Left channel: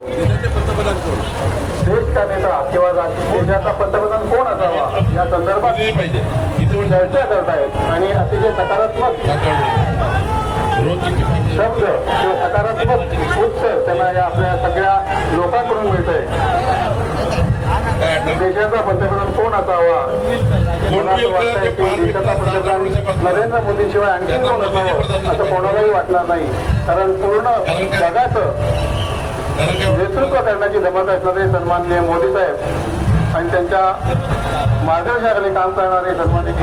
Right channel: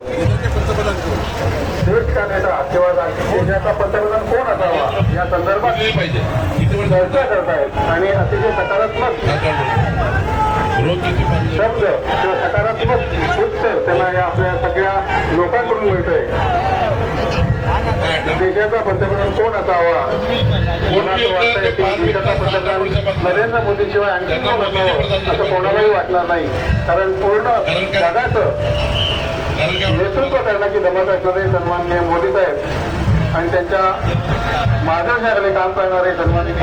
देश का नेता किंवा देशाचा पंतप्रधान कोण असावा या संदर्भात चर्चा करतायत आणि अतिशय सकारात्मक शब्द किंवा सकारात्मक उत्तर त्यांना या आपल्या सगळ्या लोकांकडून मिळतंय. देशाचा पंतप्रधान कोण असावा, मला असं वाटतंय की देशाचा पंतप्रधान नरेंद्र मोदींशिवाय आणखी कोण असावं असं कोणालाही वाटणार नाही. कारण पूर्ण जगाचं नेतृत्व करण्याची जमत असणारे सन्माननीय मोदी साहेब आणि त्यांच्या मार्गदर्शनाखाली काम करणारे सन्माननीय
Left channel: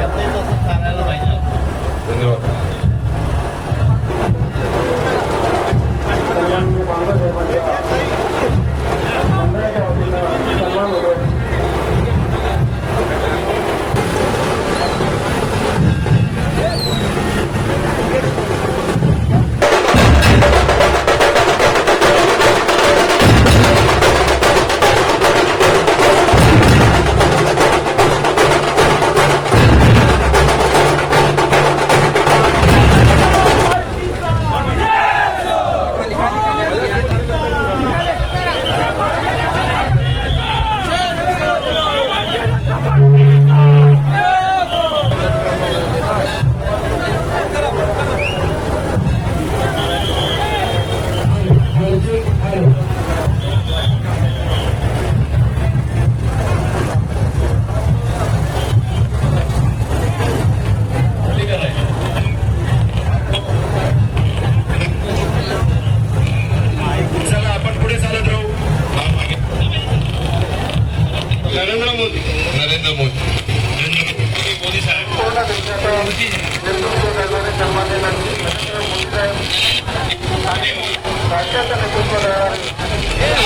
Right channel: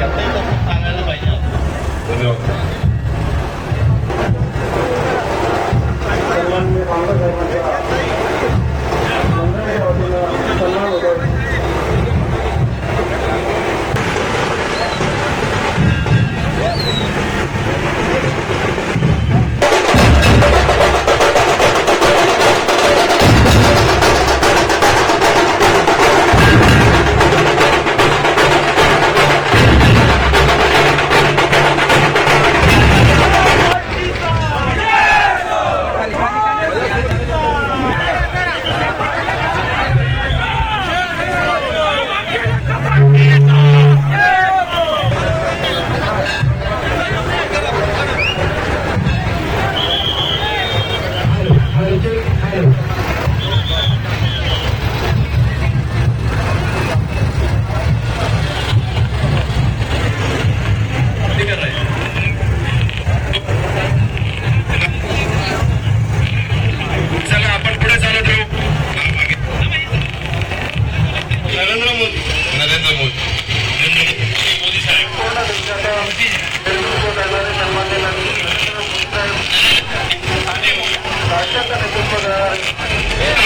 नरेंद्र मोदी साहेब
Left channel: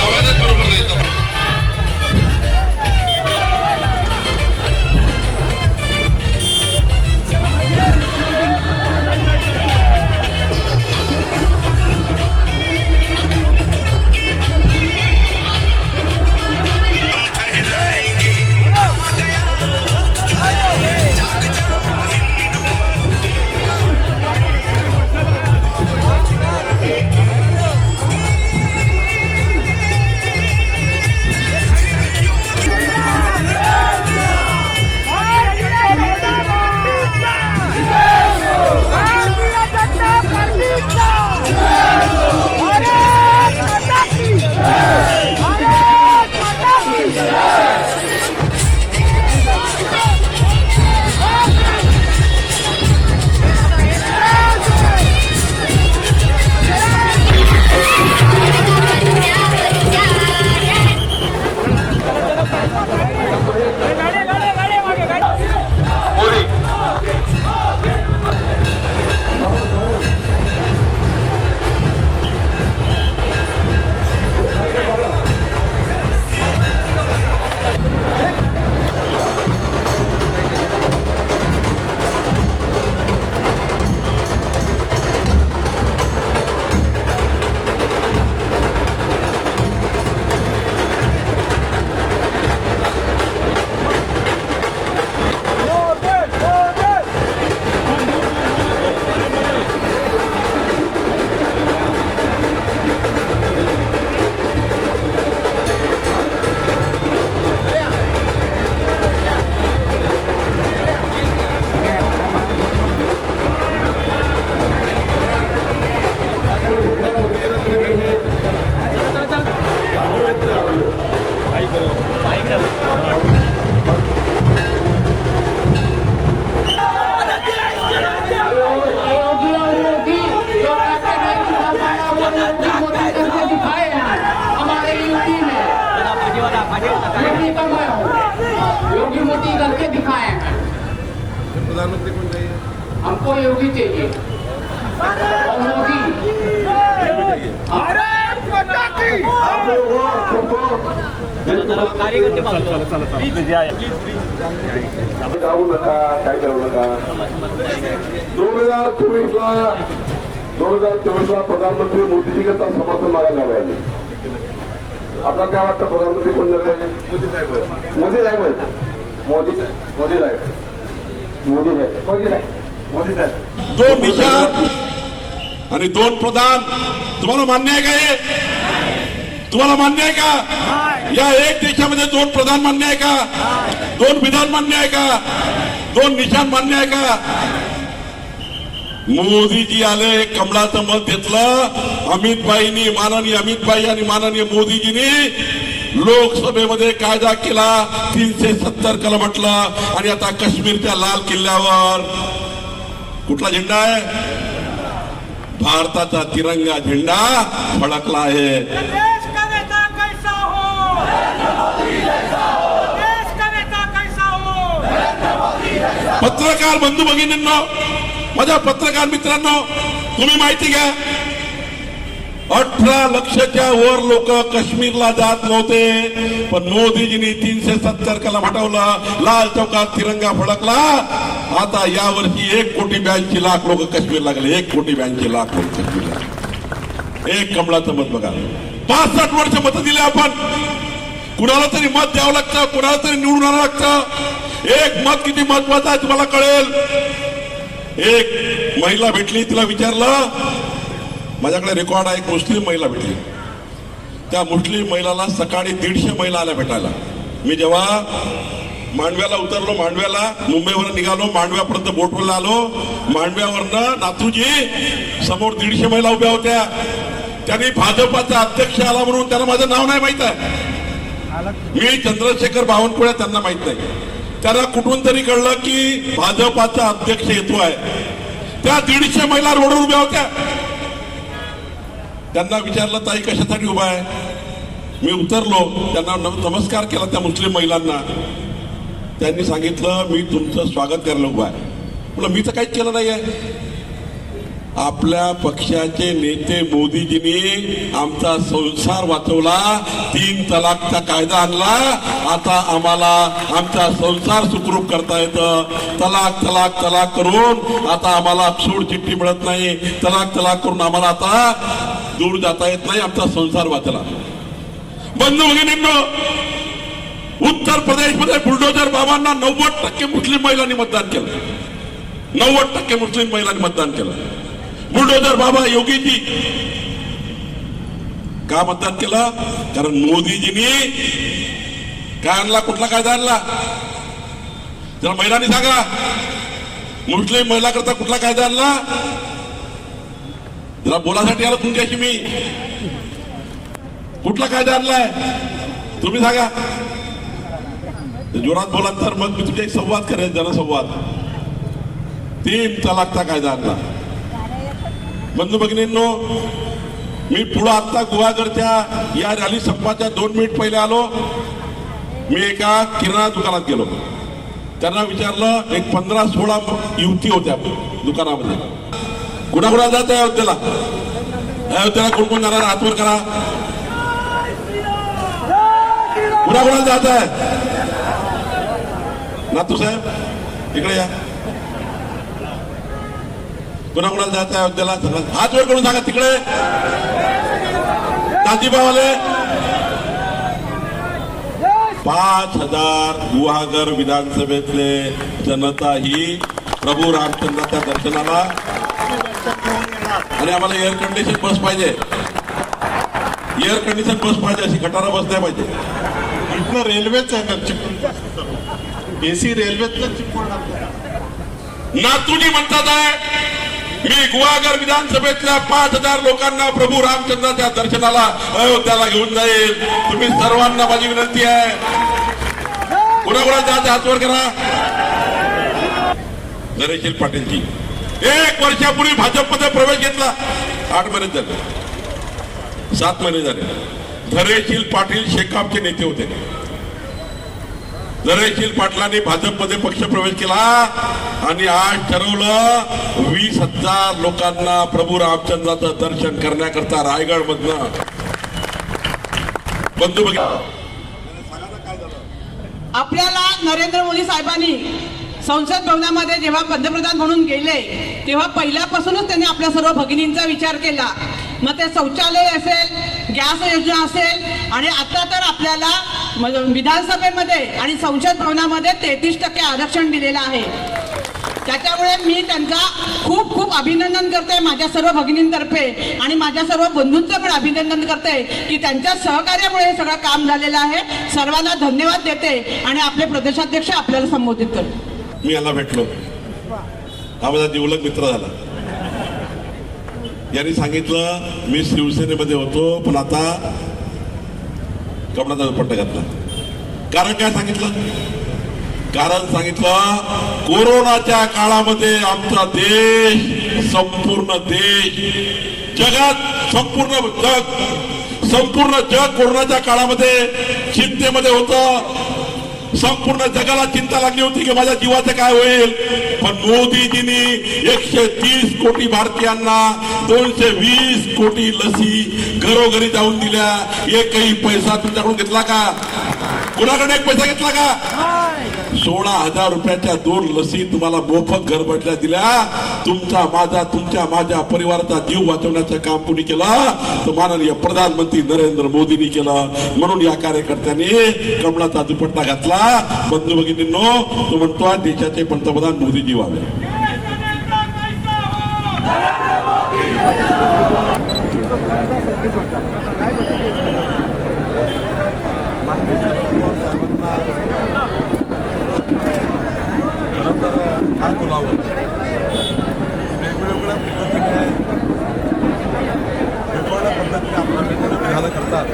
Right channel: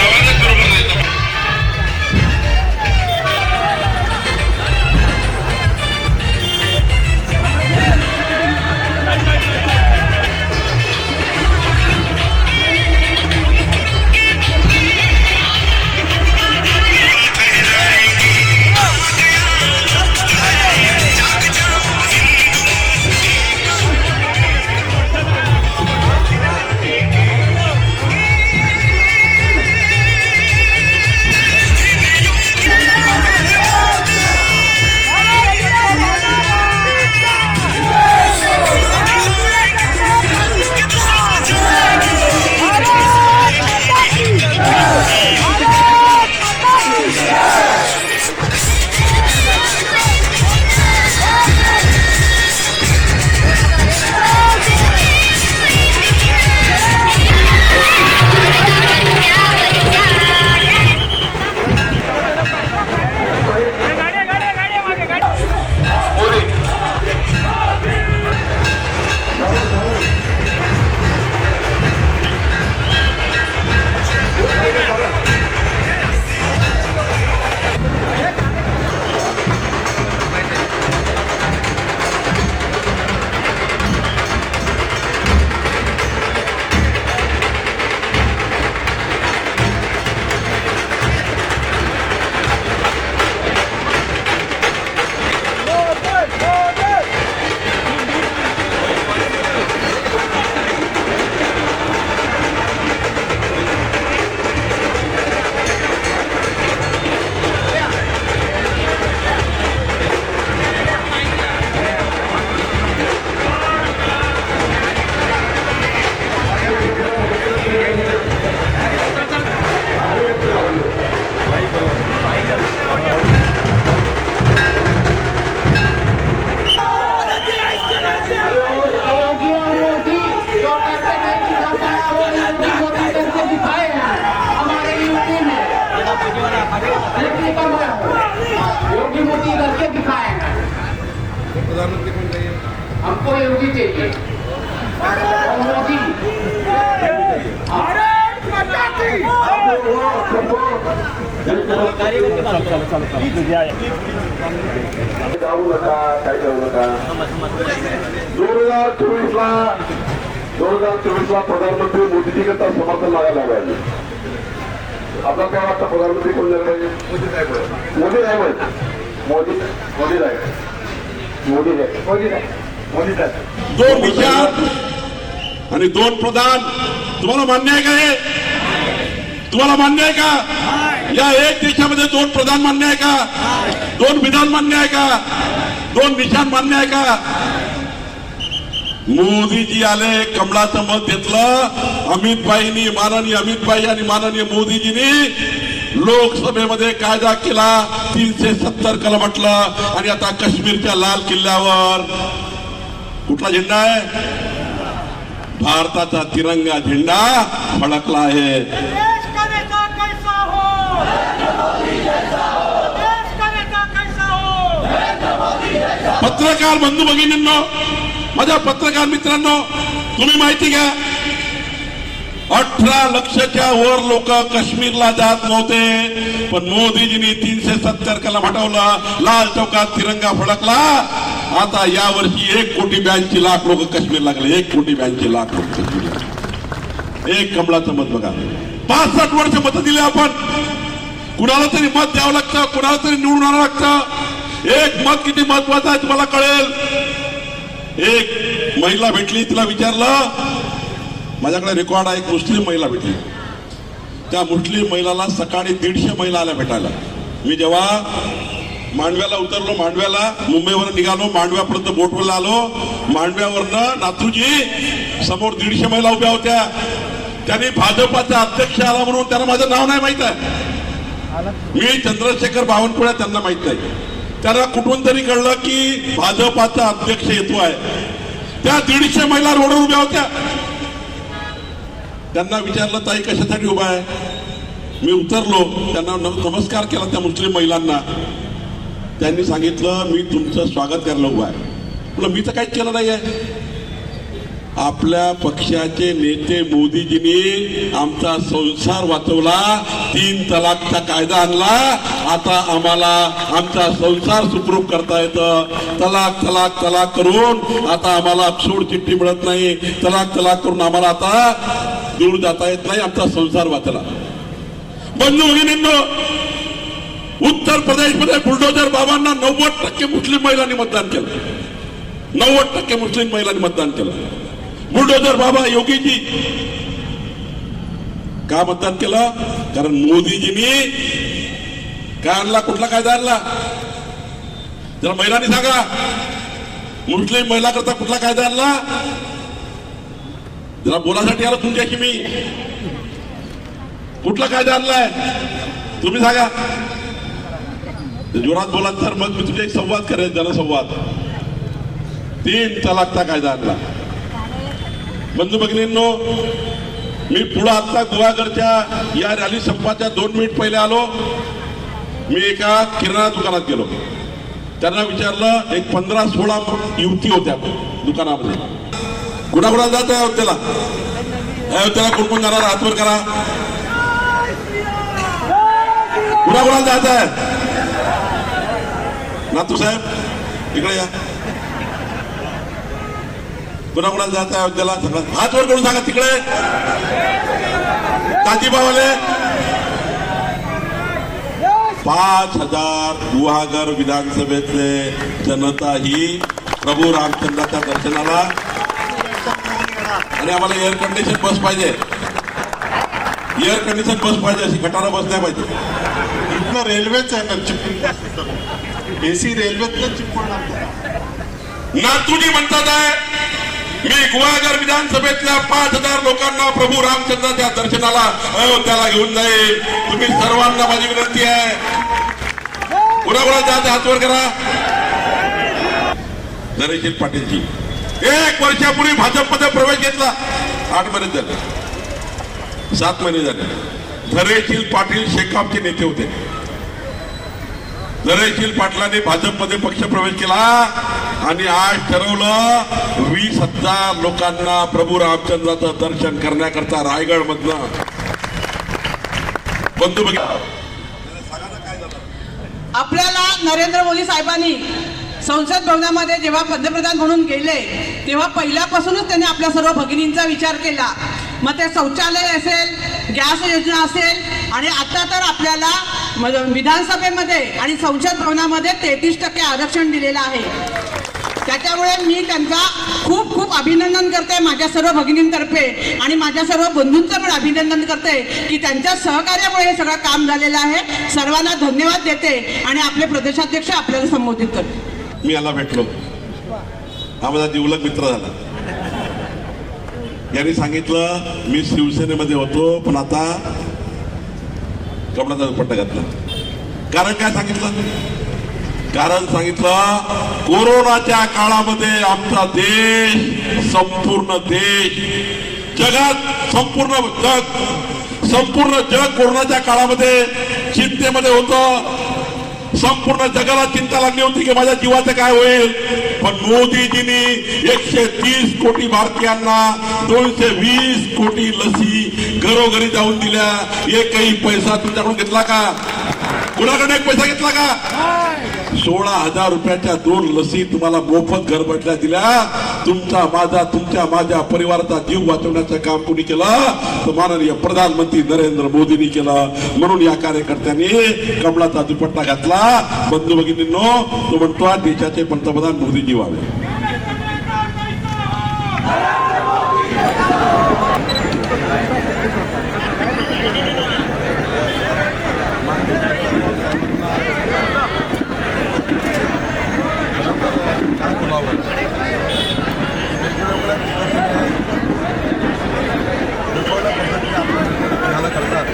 आवाजच बरोबर नाही. योगी मोदी करके दिखाया है। प्रधानमंत्री कौन चाहिए? हमको योगी चाहिए। मोदी भारत माता की। जाऊ नका, काय करू नका. 2024ला प्रधानमंत्री मोदीजी करता समर्थन मागायला पाहिजे. आपला काय वाटतं प्रधानमंत्री कोण झाले? मोदी साहेब. मोदी साहेब मोदी मोदी साहेब मोदी साहेब मोदी साहेब मोदी साहेब. 2 देशात आणि 2 प्रधान तुम्हाला मान्य आहे का? हे तुम्हाला मान्य आहे का? या एक देशामध्ये 2 प्रधान मान्य आहे का? 2 विधान मान्य आहे का? 2 निशाण मान्य आहे का? मोदीजी आले, कमळाचं मत घेतलं. अमितभाईंनी, माननीय अमितभाई आणि माननीय मोदीजींनी लोकसभेमध्ये कायदा केला, 370 कलम म्हटलं. आणि आता काश्मीरच्या लाल किल्ल्यावर कुठला झेंडा आहे? भारताचा तिरंगा झेंडा फडकला आहे. देश का नेता कैसा हो, देश का नेता कैसा हो. पत्रकार बंधू भगिनींनो, माझ्या पत्रकार मित्रांनो, तुम्ही माहिती घ्या, 18 लक्षच्या वर लोक काश्मीरला जात नव्हते, पण मोदीजींनी 370 कलम हटवला, लाल चौकात तिरंगा फडकला. आता यावर्षी 1,82,00,000 लोक काश्मीरला गेले. 1,82,00,000 लोक काश्मीरला. एक कमळाचं मत बघा. 65 वर्ष मत दिले आपण. कुणाला तरी मत द्यावं लागतं, कुणाला तरी निवडून आणावं लागतं. एक मत किती महत्वाचं आहे तुम्हाला कळेल. एक महिला भेटली, तिला विचारलं, माझ्याकडे रेकॉर्ड आहे, एक मुस्लिम महिला भेटली. त्या मुस्लिम महिलाला सकाळी 150 महिला आल्या भेटायला. मी जेव्हा मांडव्याला उतरलो, मांडव्याला मुंबईवर निघालो, मांडव्यापर्यंत बोटवरला आलो, मांडव्यावरनं नाथूजी समोर 150 महिला उभ्या होत्या. त्यांनी भाजपाचा अध्यक्ष आला म्हणून त्यांना माझं नाव नाही माहित आहे. मी चंद्रशेखर बावनकुळे, त्यांना माहित नाही. त्यांना कुठून तरी कळलं की भाजपाचा अध्यक्ष येतो आहे. त्या 150 महिला रोडवर उभ्या होत्या. त्यांना विचारलं, ताई कशासाठी उभा आहे? मी उतरलो, त्यांना नमस्कार केला त्या मुस्लिम महिलांना. त्यांनी सांगितलं, मी तुमचं स्वागत करायला उभा आहे. म्हटलं, मी तर काहीच केलं नाही आहे. आपल्या पक्षाचे नेते मोदीजींनी आमचा संसार वाचवला, 3 तलाकचा कायदा आणला. आता आम्हाला आमचा संसार सुखरूप करता येतं. तलाक तलाक तलाक करून आता आम्हाला सोड चिठ्ठी मिळत नाही. तलाक तलाक करून आम्हाला आता दूर जाता येत नाही. आमचा संसार वाचला. बंधू भगिनींनो, उत्तर प्रदेशमध्ये बुलडोजर बाबांना 90% मुस्लिम महिलांनी मतदान केलं. 90% मुस्लिम महिलांनी मतदान केलं. बुलडोजर बाबा योगीजी का मतदान केलं? कारण मोदीजींनी काय आणला? कुठला कायदा आणला? जरा महिलांनी सांगा, मुस्लिम महिला करता कुठला कायदा आणला? जरा बोलासाठी आलो तुमच्याशी मी. कुठला कायदा आणलाय तुम्ही सांगा. जोरात बोला तर मग मी तुझ्या संवाद करेन, जनसंवाद. 3 तलाकचा कायदा आणला. बंधू भगिनींनो, मी पुढे आता गुहागरच्या या रॅली संपाच्या 2 मिनिट पहिले आलो. मी एका किराणा दुकानात गेलो. त्यांना विचारलं, एक 15-16 युवती होत्या दुकानामध्ये. कुणाकुणा जात आहे अयोध्येला? अयोध्येला कोण कोण जाणार? हातवर करा. कुणाकुणा जात आहे? नातू साहेब इकडे या. कुणाकुणा जात आहे अयोध्येला? हात वर करून सांगा. तिकडे काजीबावाले 5,000 गुहागर विधानसभेतले जनता ही प्रभू रामचंद्राच्या दर्शनाला. आणि आम्हाला एअर कंडिशन बस पाहिजे. एअर कंडिशन बस पाहिजे, अशी खटारा बस नाही पाहिजे. इथनं रेल्वेच आहे ना, चिपळूण एसी रेल्वेतनं चिपळूण. नातूनी म्हणतात आहे, मी गुहागर विधानसभेतल्या 5,000 लोकांना प्रभू रामचंद्राच्या दर्शनाला अयोध्याला घेऊन जाईल. तुम्ही सर्वांना माझी विनंती आहे, कुणाकुणा जात हातवर करा. नरेश पाटीलजी 1 वर्षापूर्वी भाजपमध्ये प्रवेश घेतला. 8 महिने झाले, 7 महिने झाले. धैर्यशील पाटील शेकापचे नेते होते. धैर्यशील पाटलांनी भाजपमध्ये पक्ष प्रवेश केला आणि आज ठरवलं 20,000 लोकांना प्रभू रामचंद्राचं दर्शन करण्याकरता रायगड मधनं. बंधू आपल्याला नरेंद्र मोदी साहेबांनी संसद भवनामध्ये जेव्हा पंतप्रधान म्हणून गेले तेव्हा पहिल्यापासूनच त्यांनी आपल्या सर्व भगिनींचा विचार केला. मग ते शौचालय असेल, गॅस योजना असेल, आणि आता तर आपल्याला विधानसभेमध्ये आणि संसद भवनामध्ये 33% आरक्षण दिलेलं आहे. त्याच्यामुळे मी त्यांचा खूप खूप अभिनंदन करते माझ्या सर्व भगिनींतर्फे आणि माझ्या सर्व बंधूंचं पण अभिनंदन करते की त्यांच्या सहकार्यामुळे हे सगळं काम झालेलं आहे. सर्वांना धन्यवाद देते आणि आपले प्रदेशाध्यक्ष आपल्याला संबोधित करते. मी याला भेटलो, हा माझा जिवलग मित्र झाला. यांनी सांगितलं मी शिवसेनेमध्ये होतो पण आता कपड्याचा दुपट्टा घातला. कारण काय सांगितलं? कारण सांगितलं कोरोनाच्या काळामध्ये आमचा देश, संपूर्ण देश, जगात संपूर्ण जग कोरोनाच्या काळामध्ये चिंतेमध्ये होतं. संपूर्ण जगाला चिंता लागली होती की माझ्या जीवाचं काय होईल. पण मोदीजींनी 130 कोटी भारतीयांना 220 कोटी लसी घरोघरी जाऊन दिल्या. एकही पैसा तुमच्याकडून घेतला का? कुणाकडे एक पैसा घेतला का? 16,000 रुपयाच्या 2 लसी तुम्हाला मोफत घर बैठल्या दिल्या. तुमच्या माझ्या परिवाराचा जीव वाचवण्याचं काम कुणी केलं? तर माननीय प्रधानमंत्री नरेंद्र मोदींनी केलं. म्हणून या कार्यकर्त्यांनी कमळाचा दुपट्टा घातला. बंधू भगिनींनो, तो म्हणतो देशाचे पंतप्रधान मोदीजी व्हावे. वेगवेगळ्या पद्धतीने आपल्याला करतात.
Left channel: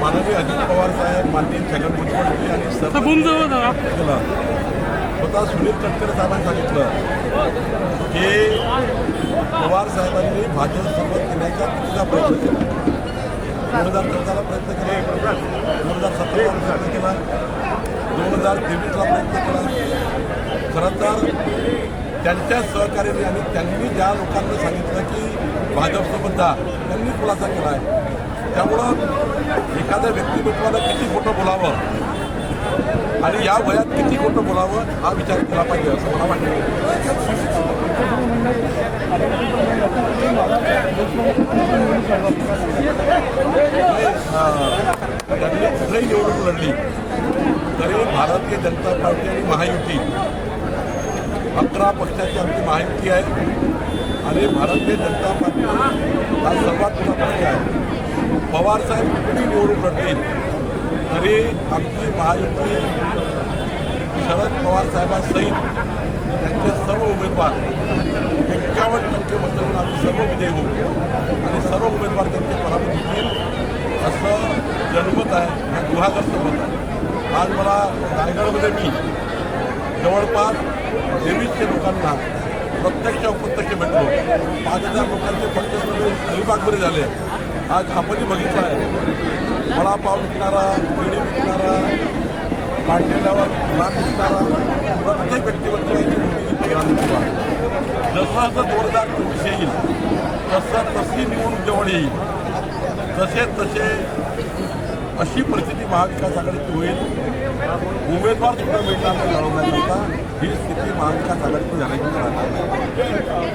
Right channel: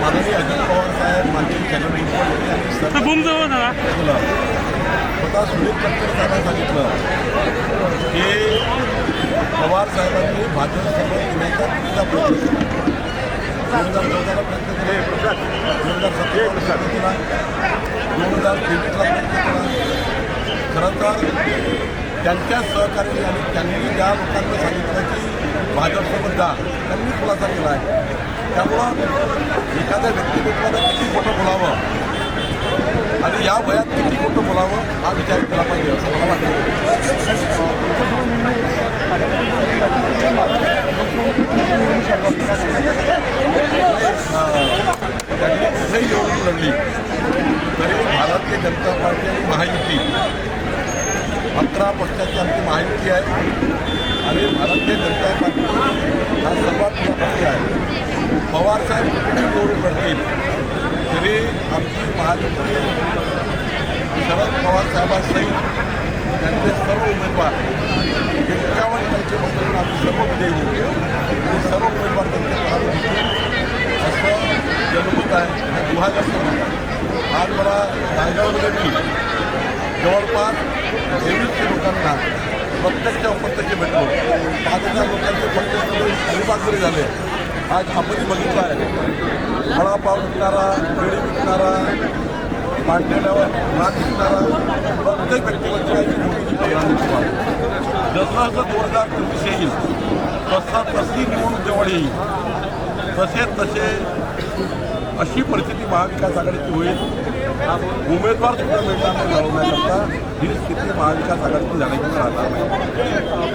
माननीय अजित पवार साहेब, माननीय छगन भुजबळ यांनी स्वतः सुनील तटकरे साहेबांनी सांगितलं की पवार साहेबांनी भाजपसोबत येण्याचा तिचा प्रयत्न केला. 2014ला प्रयत्न केला, 2017ला प्रयत्न केला, 2023ला प्रयत्न केला. खरं तर त्यांच्या सहकार्याने आणि त्यांनी ज्या लोकांना सांगितलं की भाजपसोबत जा, त्यांनी खुलासा केला आहे. त्यामुळं एखाद्या व्यक्तिमत्वानं किती खोटं बोलावं आणि या वयात किती खोटं बोलावं हा विचार केला पाहिजे असं मला वाटतं. त्यांनी कुठेही निवडणूक लढली तरी भारतीय जनता पार्टी आणि महायुती 11 पक्षाची आमची महायुती आहे आणि भारतीय जनता पार्टी हा सर्वात मोठा पक्ष आहे. पवारसाहेब कुठेही निवडून लढतील तरी आमची महायुती शरद पवार साहेबांसहित त्यांचे सर्व उमेदवार 51% मतदान आम्ही सर्व विजयी होऊ आणि सर्व उमेदवार त्यांचे पराभूत होतील असं जनमत आहे, गुहागरचं मत आहे. आज मला रायगडमध्ये मी जवळपास 2300 लोकांना प्रत्यक्ष अप्रत्यक्ष भेटलो. 5,000 लोकांचे पक्ष सर्व अलिबागमध्ये झाले. आज आपण बघितलं आहे, वडापाव विकणारा, केळी विकणारा, पांढऱ्यावर नाक विकणारा प्रत्येक व्यक्तिमत्वाची मोदीची प्रधानमंत्री व्हावी. जसं 2024 येईल तशी निवडणूक जवळ येईल तसे अशी परिस्थिती महाविकास आघाडीची होईल. उमेदवार सुद्धा मिळणार नाही लढवण्याकरता. ही स्थिती महाविकास आघाडीची झाल्याची राहणार नाही.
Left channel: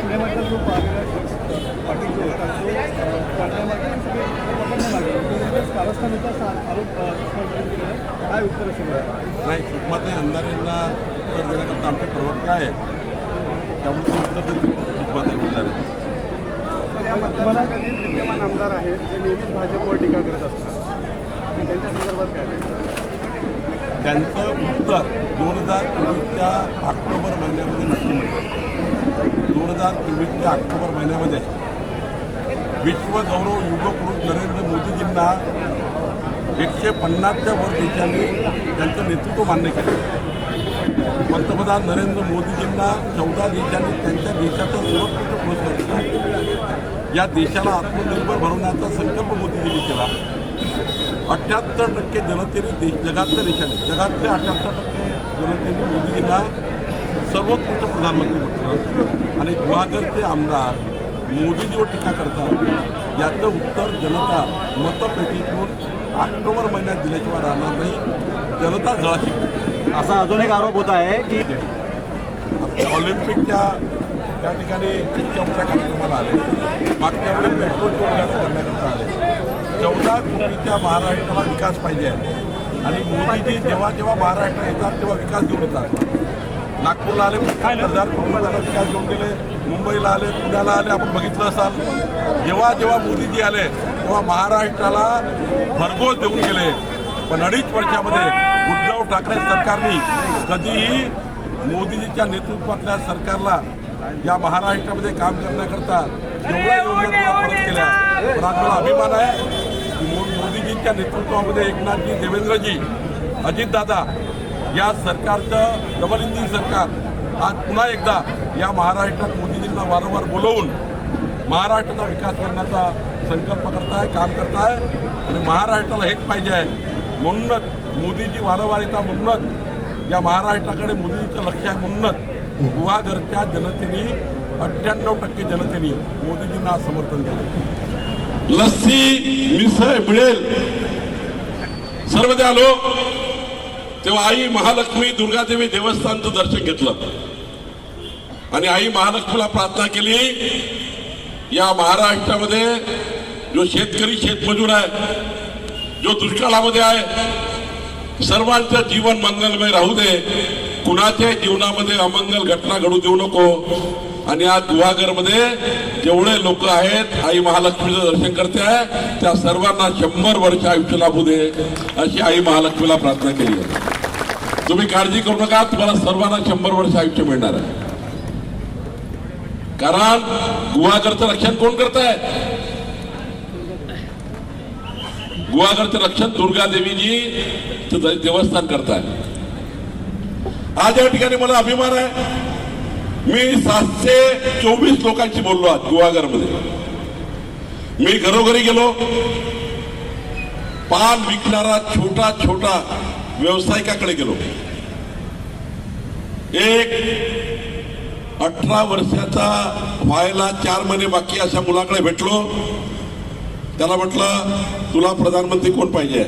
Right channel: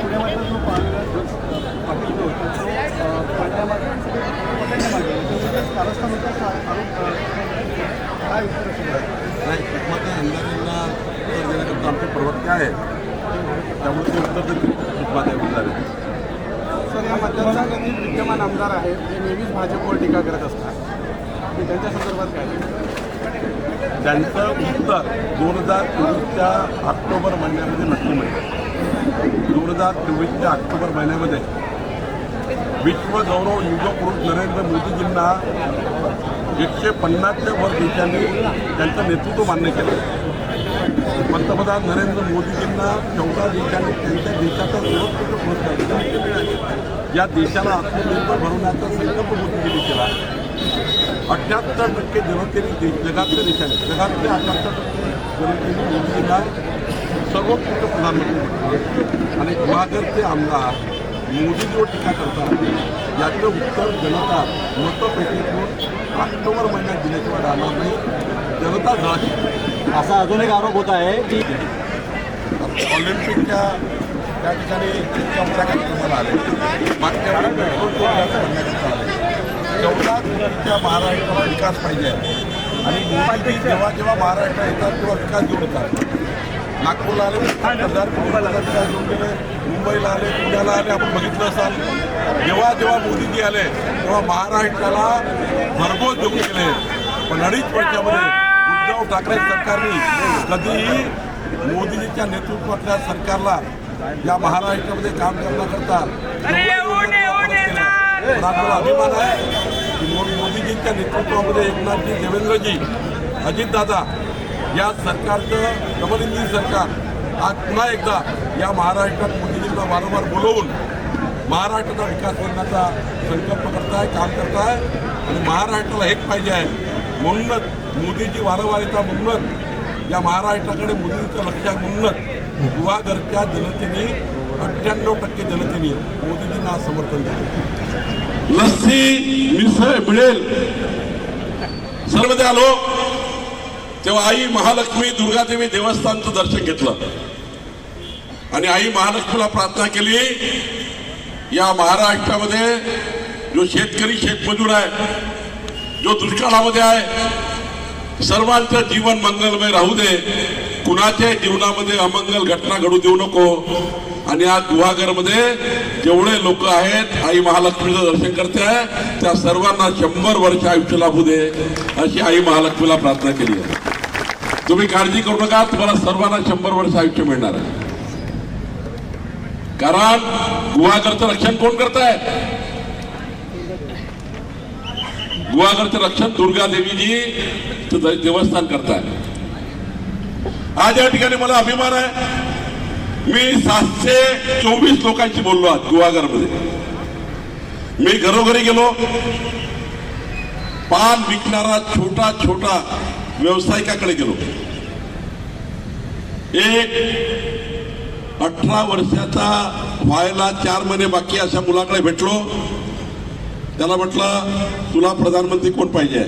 पुण्यामध्ये जो पाटील जो होता तो पकडण्यामागे कारस्थान होता आरोप काय उत्तर असेल? नाही, सुषमाताई अंधारेंना उत्तर देण्याकरता आमचे प्रवक्ते आहे, त्यामुळे ते उत्तर देतील सुषमाताई अंधारे. सर, या मतदारसंघातील विद्यमान आमदार आहेत ते नेहमीच भाजपवर टीका करत असतात, त्यांच्या संदर्भात काय? त्यांचं उत्तर 2024च्या ऑक्टोबर महिन्यामध्ये नक्की मिळेल. 2024च्या ऑक्टोबर महिन्यामध्ये विश्वगौरव युगपुरुष नरेंद्र मोदीजींना 150च्या वर देशांनी त्यांचं नेतृत्व मान्य केले. पंतप्रधान नरेंद्र मोदीजींना 14 देशांनी त्यांच्या देशाचा सर्वोत्कृष्ट पुरस्कार दिला. या देशाला आत्मनिर्भर बनवण्याचा संकल्प मोदीजींनी केला. 78% जनतेने जगातल्या 78% जनतेने मोदीजींना सर्वोत्कृष्ट प्रधानमंत्री म्हटलं आणि गुहागरचे आमदार मोदीजीवर टीका करतात. याचं उत्तर जनता मतपेटीतून ऑक्टोबर महिन्यात दिल्याशिवाय राहणार नाही. जनता जळाशी. असा अजून एक आरोप होत आहे की ऑलिम्पिकच्या त्या ठिकाणी इतक्या मोठ्या कार्यक्रमाला आले. मागच्या वेळी पेट्रोल टोल जास्त करण्याकरता आले. 14 कोटीच्या महाराष्ट्राला विकास पाहिजे आणि मोदीजी जेव्हा महाराष्ट्रात येतात तेव्हा विकास घेऊन येतात. नागपूरला आले 5,000 कोटी रुपये काय घेऊन गेले, मुंबईला आले, पुण्याला आले. आपण बघितलं असाल जेव्हा जेव्हा मोदीजी आले तेव्हा महाराष्ट्राला भरघोस देऊन गेले. पण 2.5 वर्षामध्ये उद्धव ठाकरे सरकारने कधीही मोदीजीच्या नेतृत्वातल्या सरकारला या महाराष्ट्रामध्ये काम करण्याकरता एवढ्या योजना परत केल्या. पण आज मला अभिमान आहे की मोदीजींच्या नेतृत्वामध्ये एकनाथजी, देवेंद्रजी, अजितदादा या सरकारचं डबल इंजिन सरकार आज पुन्हा एकदा या महाराष्ट्रात मोदीजींना वारंवार बोलवून महाराष्ट्राचा विकास करण्याचा संकल्प करताय, काम करताय. आणि महाराष्ट्राला हेच पाहिजे आहे. म्हणूनच मोदीजी वारंवार येतात, म्हणूनच या महाराष्ट्राकडे मोदींचं लक्ष आहे. म्हणूनच गुहागरच्या जनतेने 98% जनतेने मोदीजींना समर्थन दिलं. लस्सी मिसळ मिळेल सर्वदा आलो तेव्हा आई महालक्ष्मी दुर्गादेवी देवस्थानचं दर्शन घेतलं आणि आई महालक्ष्मीला प्रार्थना केली. या महाराष्ट्रामध्ये जो शेतकरी शेतमजूर आहे, जो दुष्काळामध्ये आहे, सर्वांचं जीवन मंगलमय राहू दे, कुणाच्या जीवनामध्ये अमंगल घटना घडू देऊ नको. आणि आज गुहागरमध्ये जेवढे लोक आहेत आई महालक्ष्मीचं दर्शन करते आहे त्या सर्वांना 100 वर्ष आयुष्य लाभू दे अशी आई महालक्ष्मीला प्रार्थना केली आहे. तुम्ही काळजी करू नका, तुम्हाला सर्वांना 100 वर्ष आयुष्य मिळणार आहे. कारण गुहागरचं रक्षण कोण करत आहे? गुहागरचं रक्षण दुर्गादेवीजी देवस्थान करताय. आज या ठिकाणी मला अभिमान आहे, मी 724 लोकांशी बोललो आज गुहागरमध्ये. मी घरोघरी गेलो, पान विकणारा छोटा छोटा व्यावसायिकाकडे गेलो. एक 18 वर्षाचा व्हायला 4 महिने बाकी अशा मुलाकडे भेटलो. त्याला म्हटलं तुला प्रधानमंत्री कोण पाहिजे?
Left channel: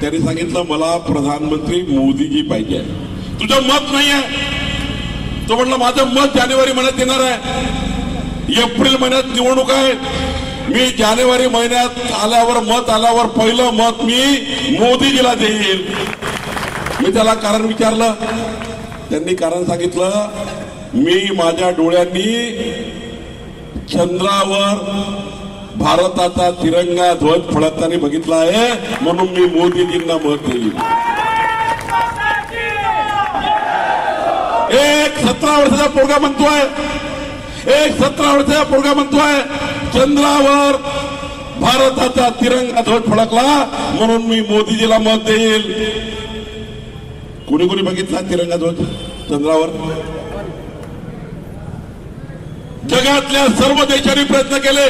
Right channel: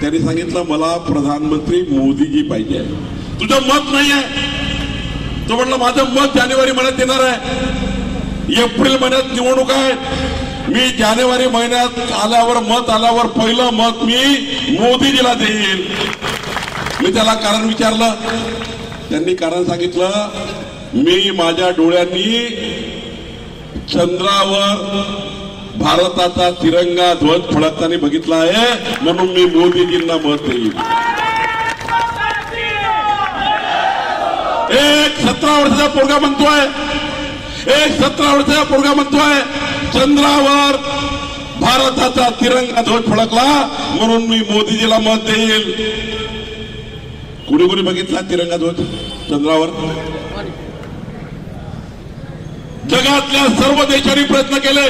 त्यांनी सांगितलं मला प्रधानमंत्री मोदीजी पाहिजे. तुझं मत नाही आहे? तो म्हटलं माझं मत जानेवारी महिन्यात येणार आहे. एप्रिल महिन्यात निवडणूक आहे. मी जानेवारी महिन्यात आल्यावर मत आल्यावर पहिलं मत मी मोदीजीला देईल. मी त्याला कारण विचारलं, त्यांनी कारण सांगितलं मी माझ्या डोळ्यांनी चंद्रावर भारताचा तिरंगा ध्वज फडकताना बघितला आहे, म्हणून मी मोदीजींना मत देईल. एक 17 वर्षाचा पोरगा म्हणतोय, एक 17 वर्षाचा पोरगा म्हणतोय चंद्रावर भारताचा तिरंगा ध्वज फडकला म्हणून मी मोदीजीला मत देईल. कुणी कुणी बघितला तिरंगा ध्वज चंद्रावर? जगातल्या सर्व देशांनी प्रयत्न केले,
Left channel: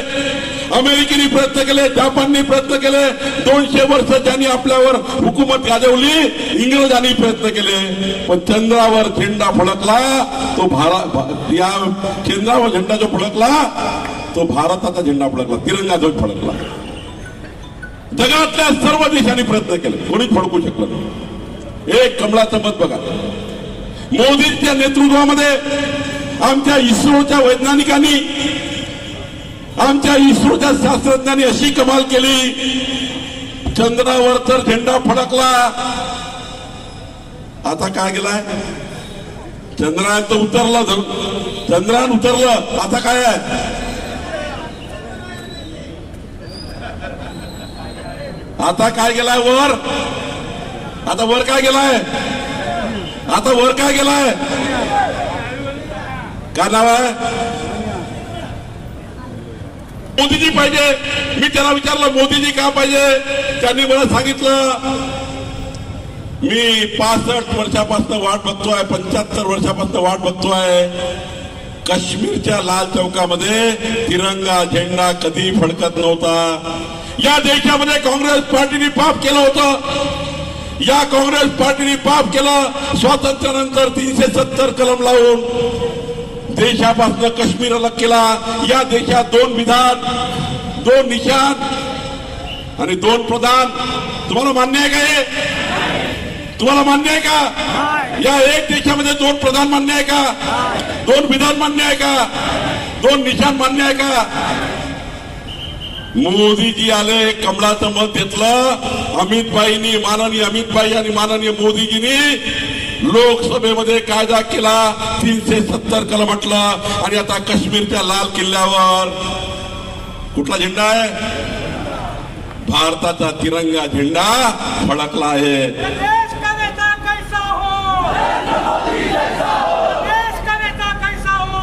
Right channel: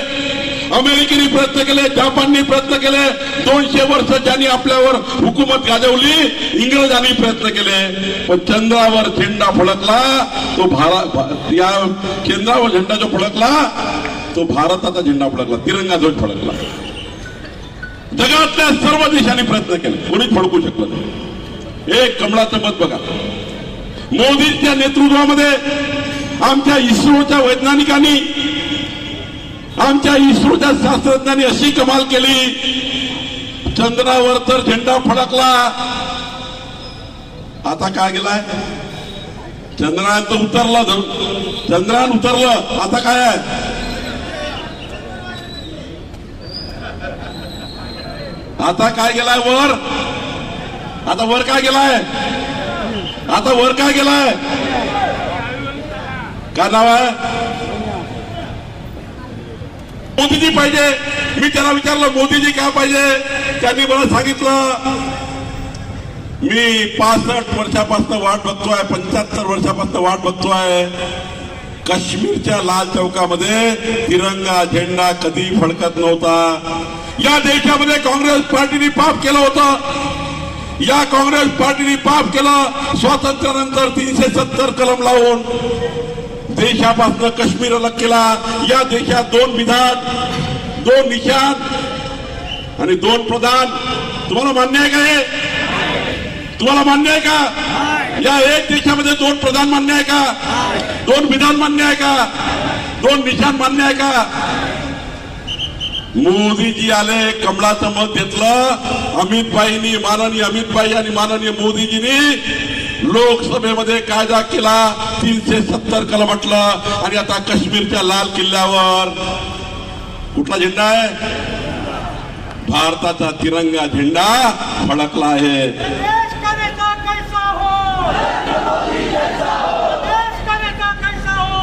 अमेरिकेने प्रयत्न केले, जपानने प्रयत्न केले, 200 वर्ष ज्यांनी आपल्यावर हुकूमत गाजवली इंग्रजांनी प्रयत्न केले, पण चंद्रावर झेंडा फडकला तो या चंद्रावर झेंडा जो फडकला तो भारताचा झेंडा फडकला, तिरंगा ध्वज फडकला. जगातल्या सर्व देशांनी प्रयत्न केले, कोणीच फडकू शकलं नाही. एक कमळाचं मत बघा. मोदींच्या नेतृत्वामध्ये आमच्या इस्रोच्या वैज्ञानिकांनी, आमच्या इस्रोच्या शास्त्रज्ञांनी अशी कमाल केली, चंद्रावर तर झेंडा फडकला. आता काय गेलाय? चंद्रयान तर उतरलं, चंद्रयान उतरलं, आता काय आहे? आता काय गेलाय वर? आता वर काय गेलाय? आता वर काय गेलाय? काय नाव आहे? मोदीजी पाहिजे. मी त्याला विचारलं मोदीजी का पाहिजे? त्यांनी मला सांगितलं मी 65 वर्षापासून वाट बघतोय, 75 वर्षापासून वाट बघतोय. काश्मीरच्या लाल चौकामध्ये तिरंगा झेंडा कधी फडकत नव्हता. या देशामध्ये काँग्रेस पार्टीने पाप केलं होतं. या काँग्रेस पार्टीने पाप केलं. स्वातंत्र्यानंतर 370 कलम लावून देशापासून काश्मीर अलग केला. या देशात 2 विधान, 2 निशाण आणि 2 प्रधान. तुम्हाला मान्य आहे का हे? तुम्हाला मान्य आहे का? या एक देशामध्ये 2 प्रधान मान्य आहे का? 2 विधान मान्य आहे का? 2 निशाण मान्य आहे का? मोदीजी आले, कमळाचं मत घेतलं. अमित भाईनी, माननीय अमित भाई आणि माननीय मोदीजींनी लोकसभेमध्ये कायदा केला, 370 कलम म्हटलं, आणि आता काश्मीरच्या लाल किल्ल्यावर कुठला झेंडा आहे? भारताचा तिरंगा झेंडा फडकला आहे. देश का नेता कैसा हो, देश का नेता कैसा हो.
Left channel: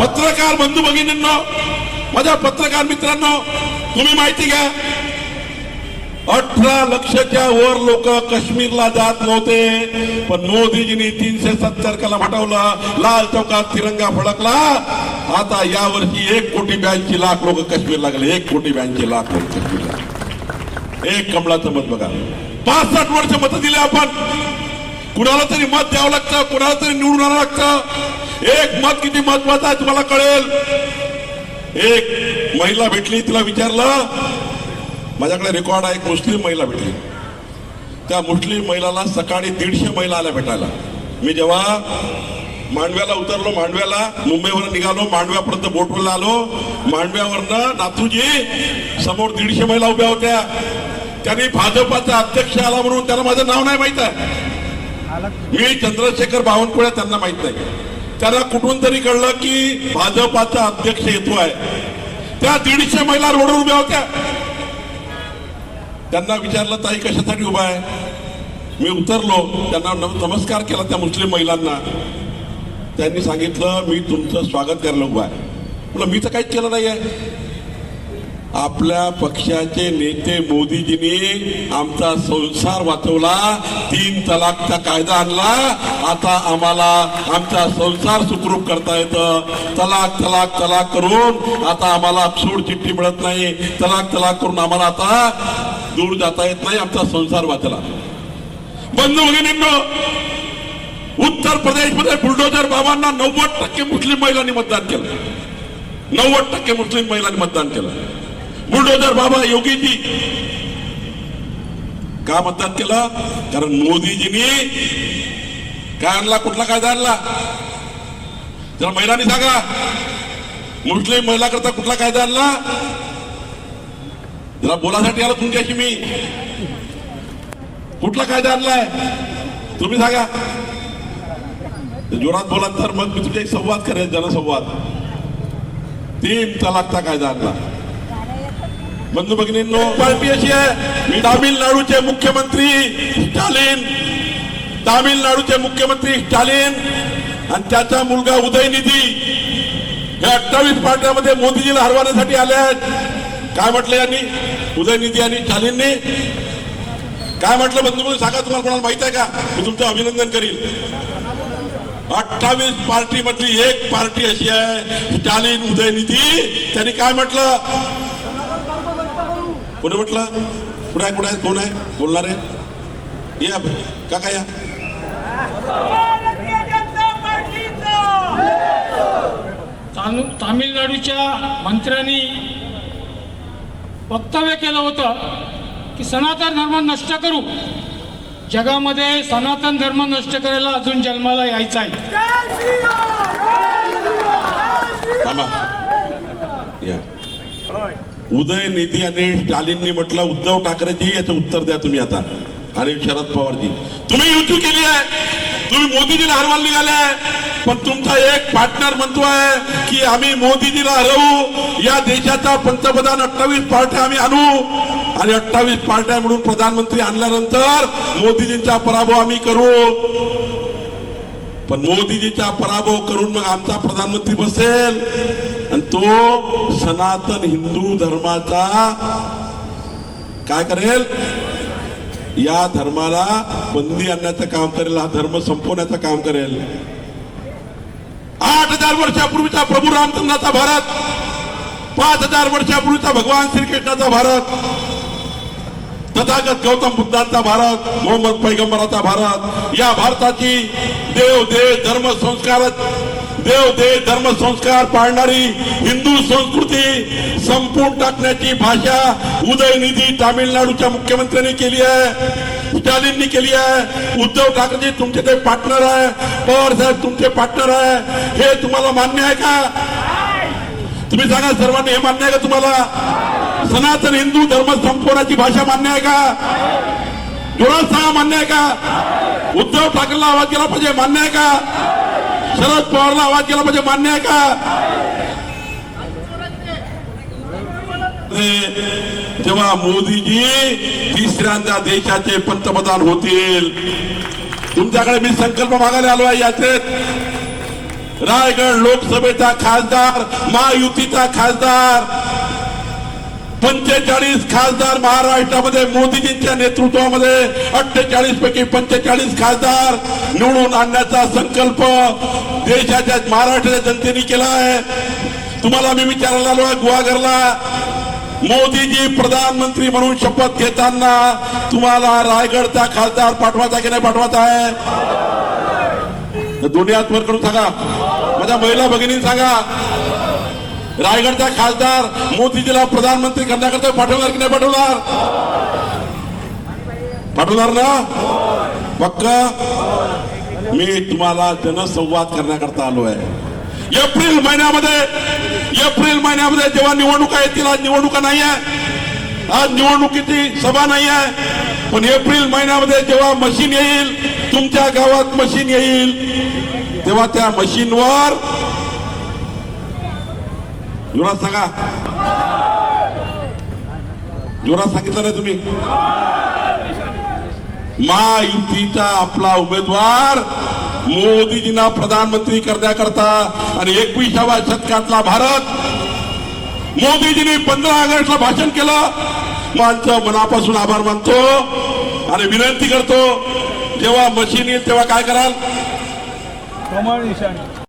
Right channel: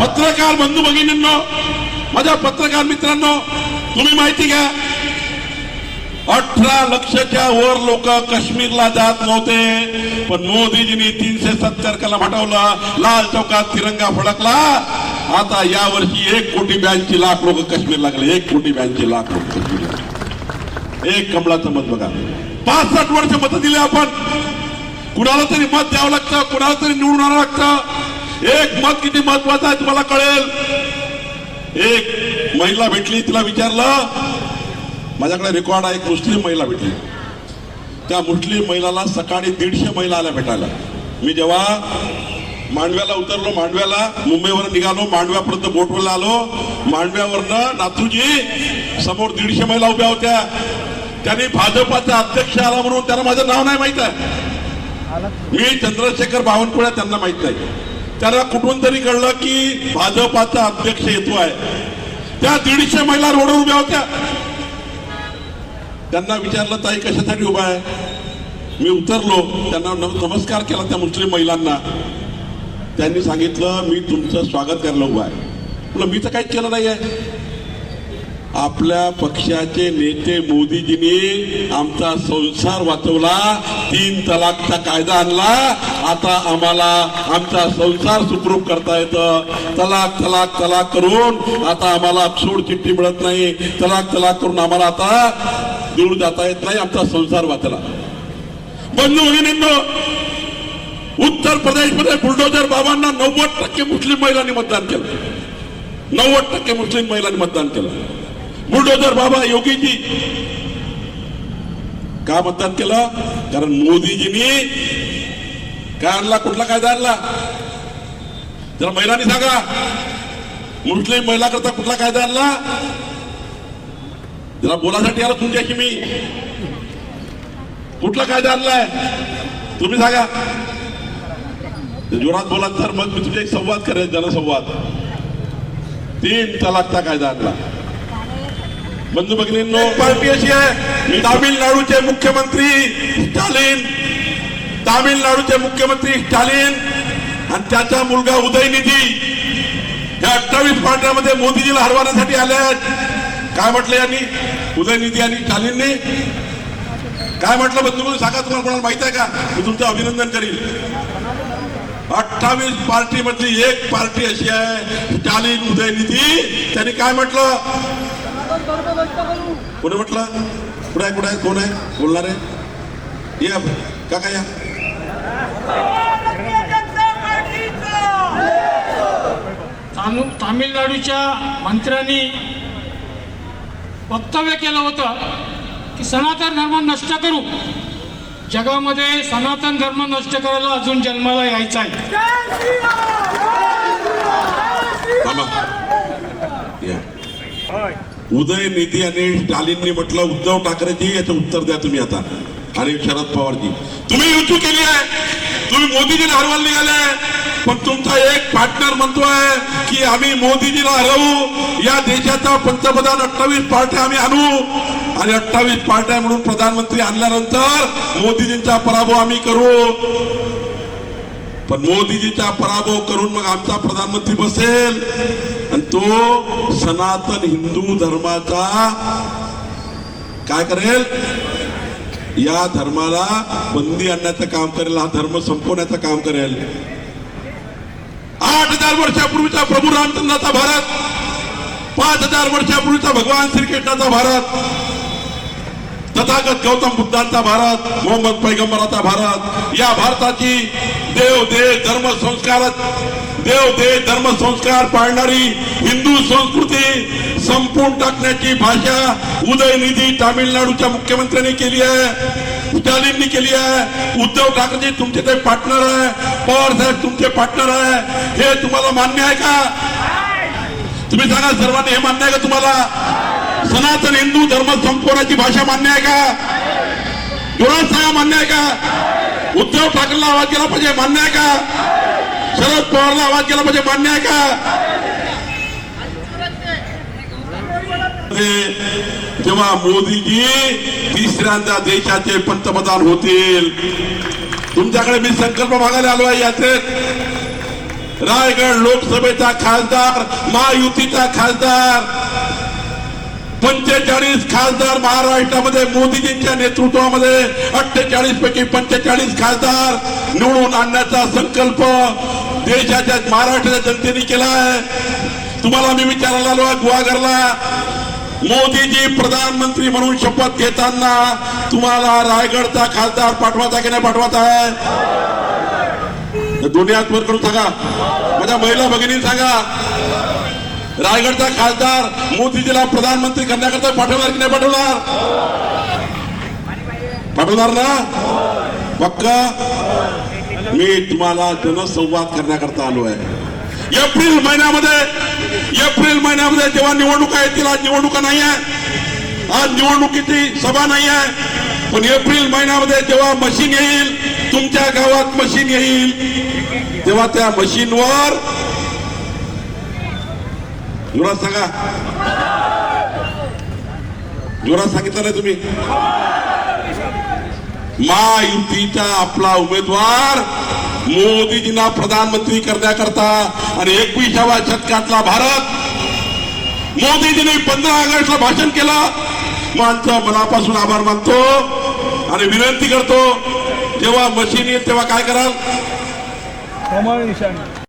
पत्रकार बंधू भगिनींनो, माझ्या पत्रकार मित्रांनो, तुम्ही माहिती घ्या, 18 लक्षच्या वर लोक काश्मीरला जात नव्हते, पण मोदीजींनी 370 कलम हटवला, लाल चौकात तिरंगा फडकला. आता यावर्षी 1,82,00,000 लोक काश्मीरला गेले. 1,82,00,000 लोक काश्मीरला. एक कमळाचं मत बघा. 65 वर्ष मत दिले आपण. कुणाला तरी मत द्यावं लागतं, कुणाला तरी निवडून आणावं लागतं. एक मत किती महत्वाचं आहे तुम्हाला कळेल. एक महिला भेटली, तिला विचारलं, माझ्याकडे रेकॉर्ड आहे, एक मुस्लिम महिला भेटली. त्या मुस्लिम महिलाला सकाळी 150 महिला आल्या भेटायला. मी जेव्हा मांडव्याला उतरलो, मांडव्याला मुंबईवर निघालो, मांडव्यापर्यंत बोटवरला आलो, मांडव्यावरनं नाथूजी समोर 150 महिला उभ्या होत्या. त्यांनी भाजपाचा अध्यक्ष आला म्हणून त्यांना माझं नाव नाही माहित आहे. मी चंद्रशेखर बावनकुळे, त्यांना माहित नाही. त्यांना कुठून तरी कळलं की भाजपाचा अध्यक्ष येतो आहे. त्या 150 महिला रोडवर उभ्या होत्या. त्यांना विचारलं, ताई कशासाठी उभा आहे? मी उतरलो, त्यांना नमस्कार केला त्या मुस्लिम महिलांना. त्यांनी सांगितलं, मी तुमचं स्वागत करायला उभा आहे. म्हटलं, मी तर काहीच केलं नाही आहे. आपल्या पक्षाचे नेते मोदीजींनी आमचा संसार वाचवला, 3 तलाकचा कायदा आणला. आता आम्हाला आमचा संसार सुखरूप करता येतं. तलाक तलाक तलाक करून आता आम्हाला सोड चिठ्ठी मिळत नाही. तलाक तलाक करून आम्हाला आता दूर जाता येत नाही. आमचा संसार वाचला. बंधू भगिनींनो, उत्तर प्रदेशमध्ये बुलडोजर बाबांना 90% मुस्लिम महिलांनी मतदान केलं. 90% मुस्लिम महिलांनी मतदान केलं. बुलडोजर बाबा योगीजी का मतदान केलं? कारण मोदीजींनी काय आणला? कुठला कायदा आणला? जरा महिलांनी सांगा, मुस्लिम महिला करता कुठला कायदा आणला? जरा बोलासाठी आलो तुमच्याशी मी. कुठला कायदा आणलाय तुम्ही सांगा. जोरात बोला तर मग मी तुझे संवाद करेन, जनसंवाद. 3 तलाकचा कायदा आणला. बंधू भगिनींनो, पार्टी अशी आहे, मी तामिळनाडूचे मुख्यमंत्री स्टालिन आणि त्याचा मुलगा उदयनिधी या 28 पार्ट्यामध्ये मोदीजीला हरवण्यासाठी आले आहेत. काय म्हटलं यांनी? उदयनिधी आणि स्टालिनने काय म्हटलं? बंधू सांगा, तुम्हाला कोणाला माहित आहे का? मी तुमचं अभिनंदन करीन. 28 पार्टी मधली एक पार्टी अशी आहे, स्टालिन उदयनिधी. त्यांनी काय म्हटलं? कोणी म्हटलं? कुठे आहे? कोण आहे बोलणार आहे? या काका या. तामिळनाडूच्या मंत्र्यांनी वक्तव्य केलं होतं की सनातन धर्म नष्ट करू. जगामध्ये सनातन धर्म नष्ट करायला अजून जन्माला यायचा आहे. उदयनिधी आणि स्टालिननी म्हटलं, उद्धव ठाकरेजी याचं उत्तर द्या तुम्ही आता. आणि शरद पवारजी, तुम्ही युती केली आहे, तुम्ही मोदीजीला हरवायला निघालाय, पण तुमचा एक पार्टनर म्हणतोय की आम्ही मोदीजीला हरवू, या देशाचा पंतप्रधान 28 पार्ट्या आम्ही आणू, आणि 28 पार्ट्या म्हणून प्रधानमंत्री आणल्यानंतर मोदीजींचा पराभव आम्ही करू. पण मोदीजीचा पराभव करून मग आमचा प्रधानमंत्री बसेल आणि तो सनातन हिंदू धर्माचा काय करेल? या धर्माला बंदी आणण्याचं काम करेल, हा धर्म संपवण्याचं काम करेल. 8,000 वर्षापूर्वीचा प्रभू रामचंद्राचा भारत, 5,000 वर्षापूर्वीचा भगवान श्रीकृष्णाचा भारत, तथागत गौतम बुद्धांचा भारत, मोहम्मद पैगंबराचा भारत, या भारताची देव धर्म संस्कार पाळणारी हिंदू संस्कृती संपवून टाकण्याची भाषा उदयनिधी तामिळनाडूच्या मुख्यमंत्र्यांनी केली आहे, स्टालिननी केली आहे. उद्धव ठाकरे तुमचे ते पार्टनर आहे, पवार साहेब तुमचे पार्टनर आहे. हे तुम्हाला मान्य आहे का? तुम्ही सांगा सर्वांनी, हे मान्य आहे का तुम्हाला? सनातन हिंदू धर्म संपवण्याची भाषा मान्य आहे का? डोळ्यात सांगा, मान्य आहे का? उद्धव ठाकरेला आवाज केला पाहिजे, मान्य आहे का? शरद पवारला आवाज केला पाहिजे, मान्य आहे का? जेव्हा मोदीजी तिसऱ्यांदा देशाचे पंतप्रधान होतील, तुमच्याकडे मी संकल्प मागायला आलो आहे यात्रेत. रायगड लोकसभेचा खासदार, महायुतीचा खासदार, 45 खासदार महाराष्ट्रामध्ये मोदीजींच्या नेतृत्वामध्ये 48 पैकी 45 खासदार निवडून आणण्याचा संकल्प देशाच्या महाराष्ट्राच्या जनतेने केला आहे. तुम्हाला मी विचारायला आलो आहे गुहागरला, मोदीजी प्रधानमंत्री म्हणून शपथ घेताना तुम्हाला रायगडचा खासदार पाठवायचा की नाही पाठवायचा आहे? दोन्ही हात वर करून सांगा, माझ्या महिला भगिनी सांगा, रायगडचा खासदार मोदीजीला प्रधानमंत्री करण्याकरता पाठवणार की नाही पाठवणार? पाठवणार ना? पक्का? मी तुम्हाला जनसंवाद करण्याकरता आलो आहे. एप्रिल महिन्यामध्ये जेव्हा निवडणुका येतील, आज निवडणुका नाही आहे, आज निवडणुकीची सभा नाही आहे, पण एप्रिल महिन्यामध्ये जेव्हा मशीन येईल, तुमच्या गावात मशीन येईल, तेव्हा त्या मशीनवर जोरात सांगा, जोरात सांगितलं नाही तुम्ही, महायुतीचा आपला उमेदवार मोदीजींना प्रधानमंत्री करण्याकरता आणि 21व्या शतकातला भारत, मोदीजींनी 15 ऑगस्टला भाषण केलं. माझं मनापासून आभार मानतो आणि विनंती करतो, जेव्हा मशीन येईल तेव्हा काय कराल? कमळ निशाणी